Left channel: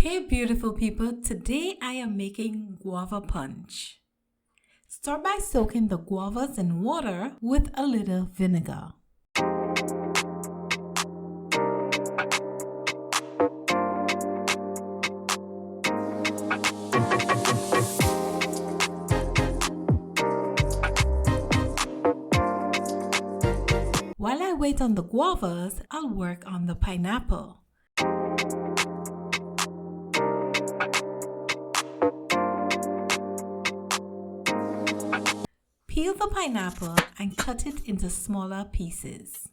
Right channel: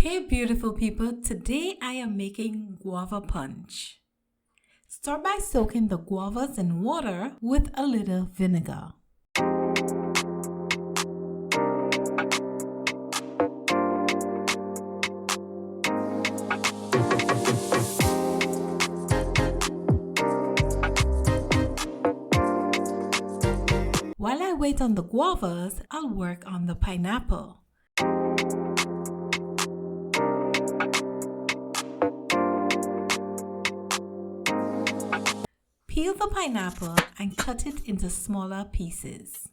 Hey beautiful people, today I am making guava punch. Start by soaking the guavas in water with a little vinegar. While I wait on the guavas, I'll work on the pineapple. Peel the pineapple and cut it into smaller pieces.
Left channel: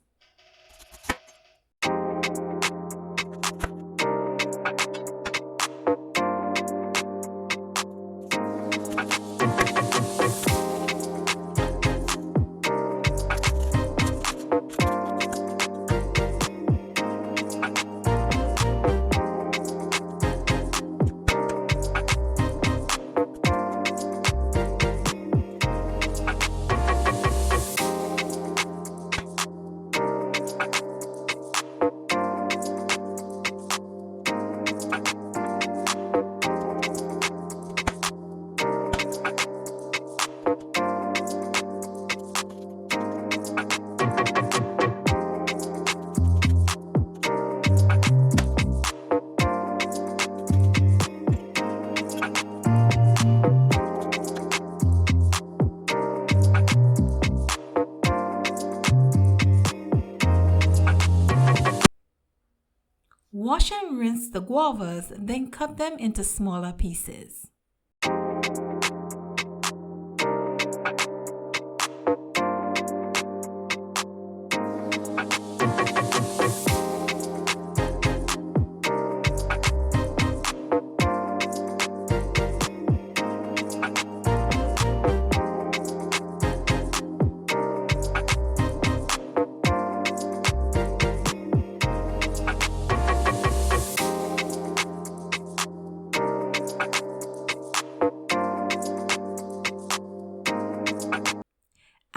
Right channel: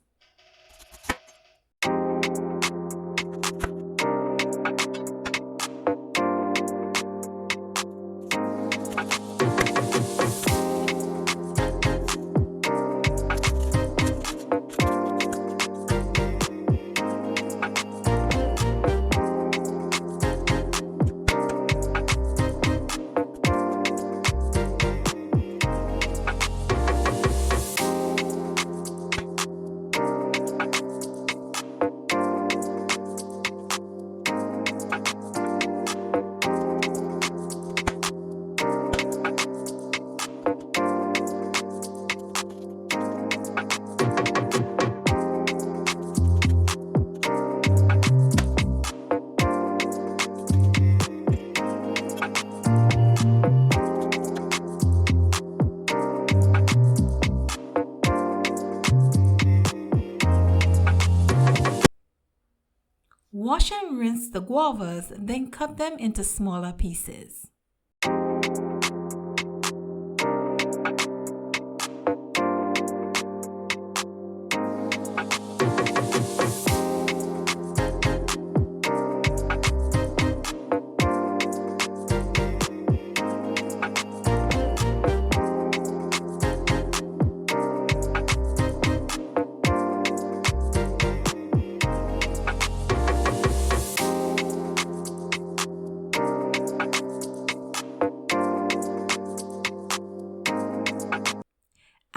Wash and rinse the guavas, then cut them into smaller pieces.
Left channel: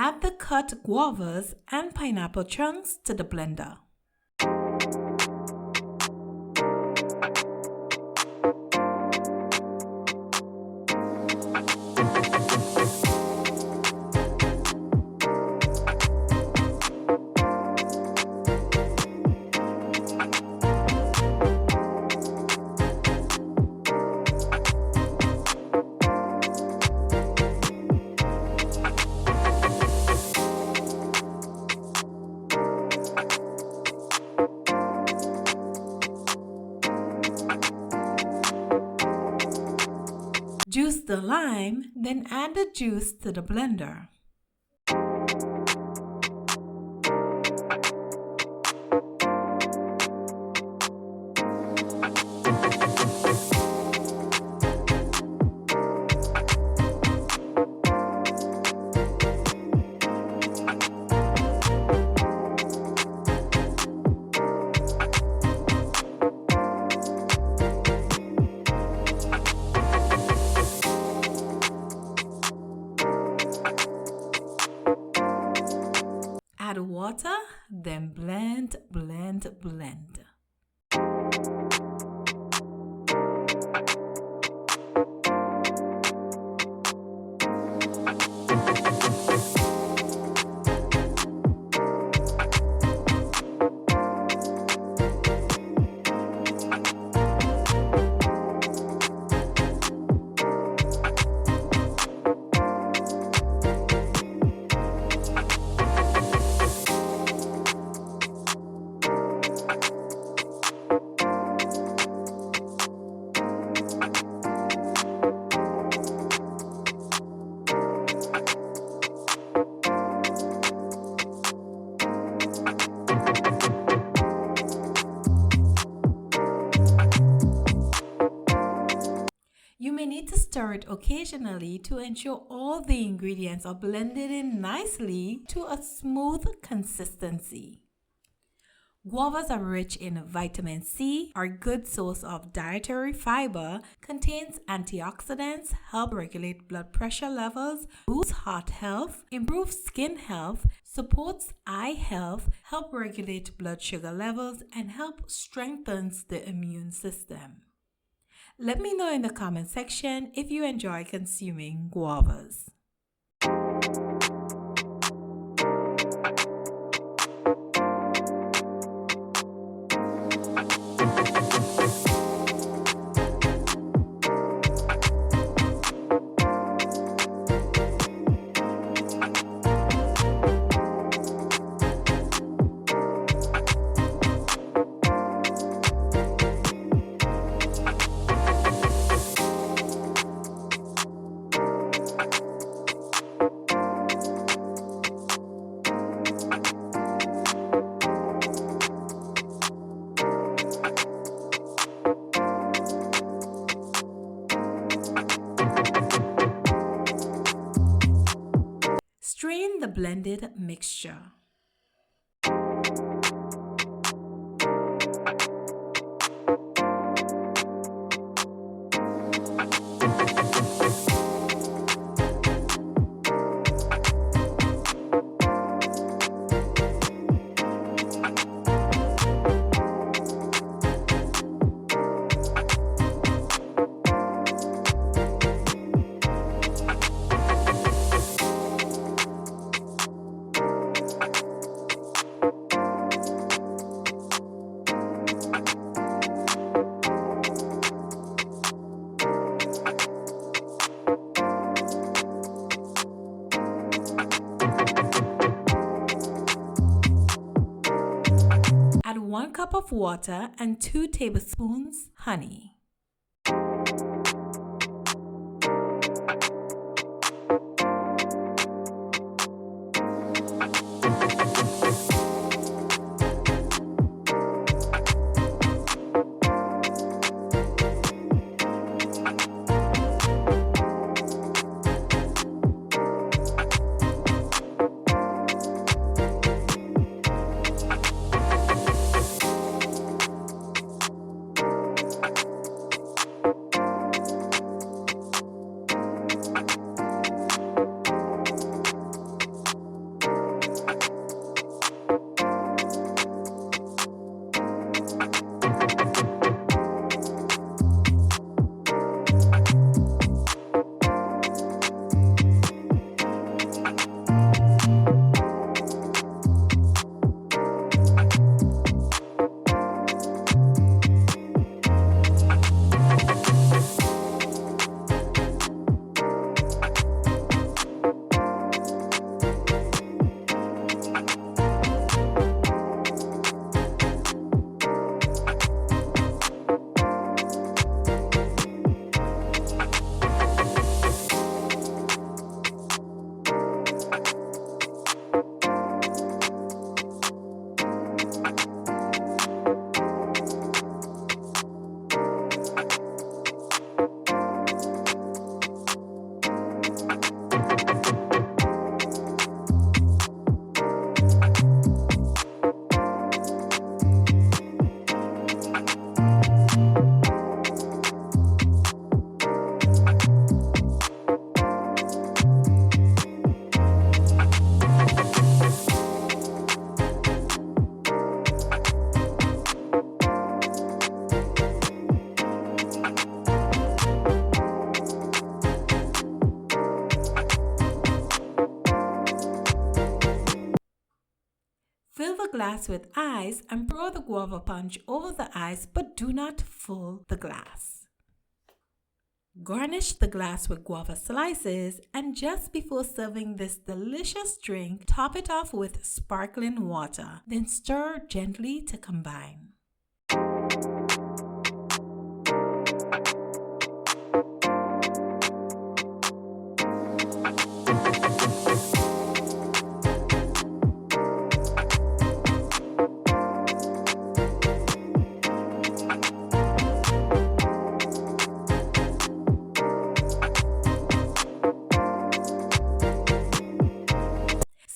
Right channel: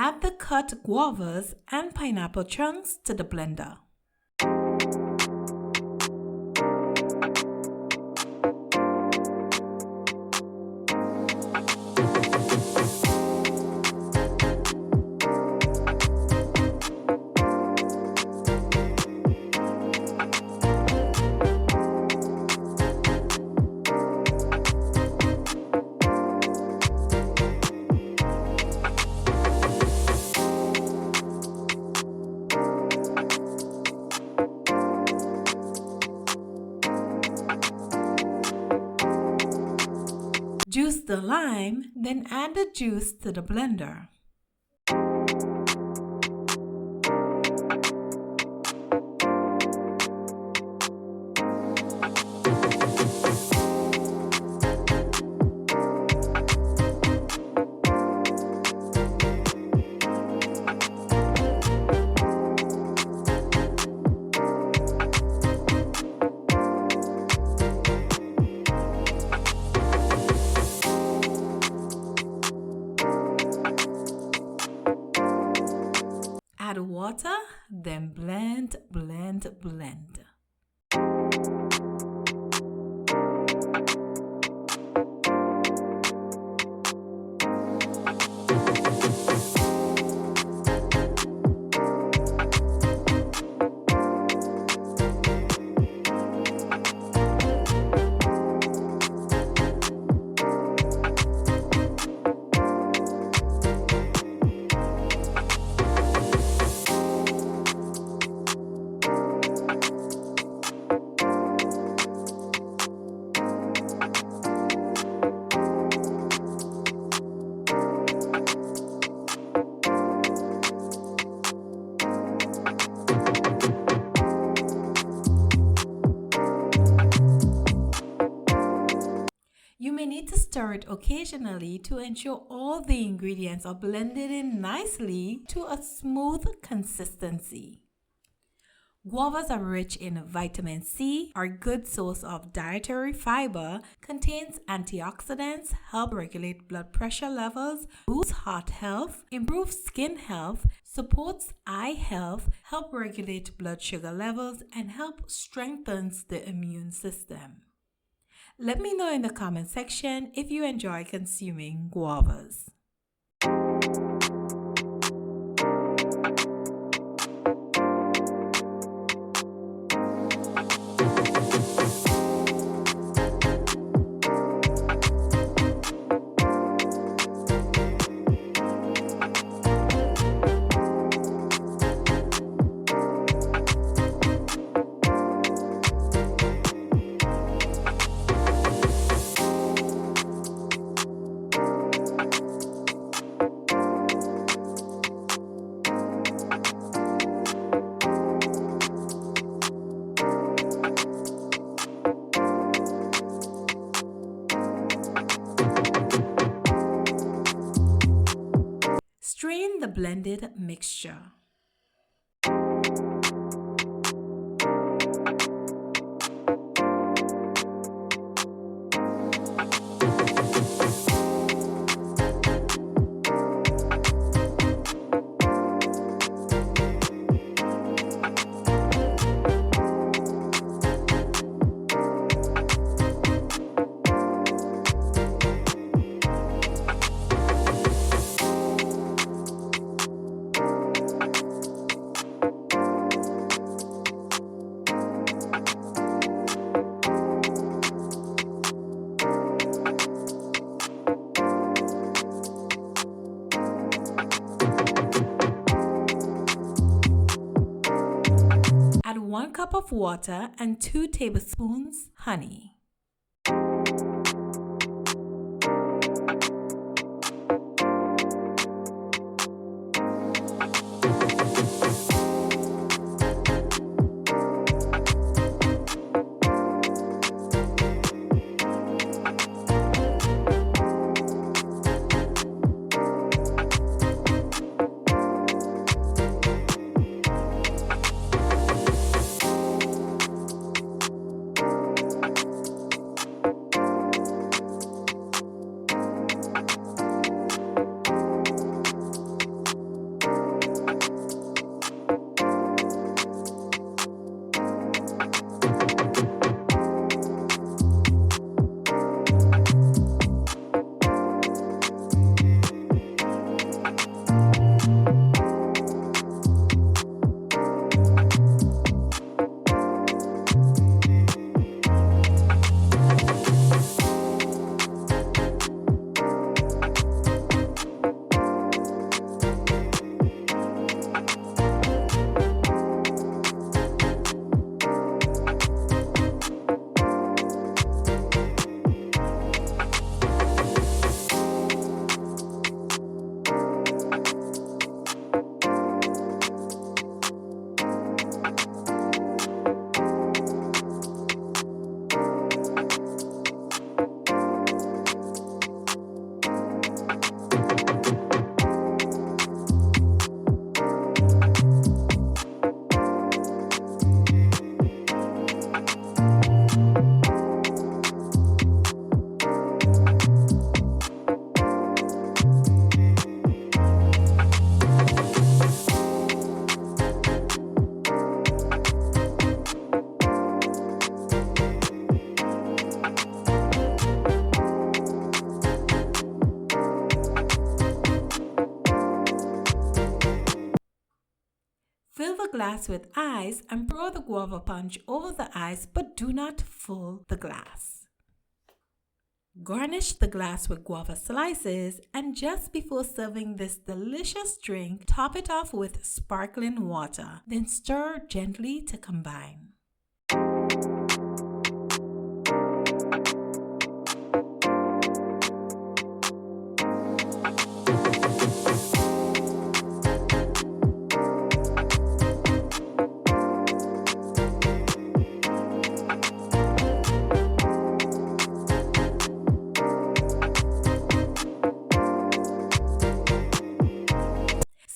Add the cut guavas and pineapple chunks to the blender. Juice the lime, then add the juice to the blender. Add water, then blend. You may need to stir it occasionally to ensure all the ingredients are blended in nicely to a smooth consistency. Guavas are rich in vitamin C, are a good source of dietary fiber, contains antioxidants, help regulate blood pressure levels, boosts heart health, improves skin health, supports eye health, help regulate blood sugar levels, and help strengthens the immune system. Let me know in the comment section if you enjoy consuming guavas. Strain the blended mixture. Add 1 cup of water and 2 tablespoons honey. Fill the glass with ice and pour the guava punch over the ice, but do not fill the glass. Garnish the glass with guava slices, and just before serving this delicious drink, top it off with sparkling water. Then stir gently to combine.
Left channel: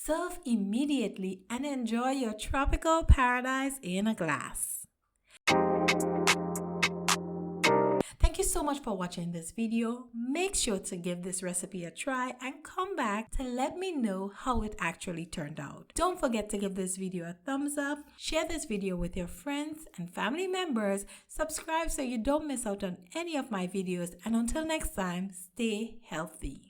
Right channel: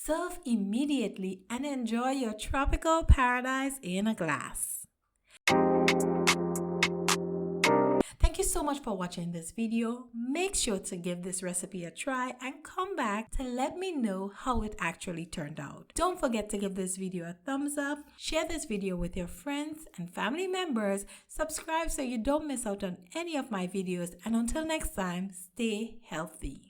Serve immediately and enjoy your tropical paradise in a glass. Thank you you so much for watching this video. Make sure to give this recipe a try and come back to let me know how it actually turned out. Don't forget to give this video a thumbs up, share this video with your friends and family members, subscribe so you don't miss out on any of my videos, and until next time, stay healthy.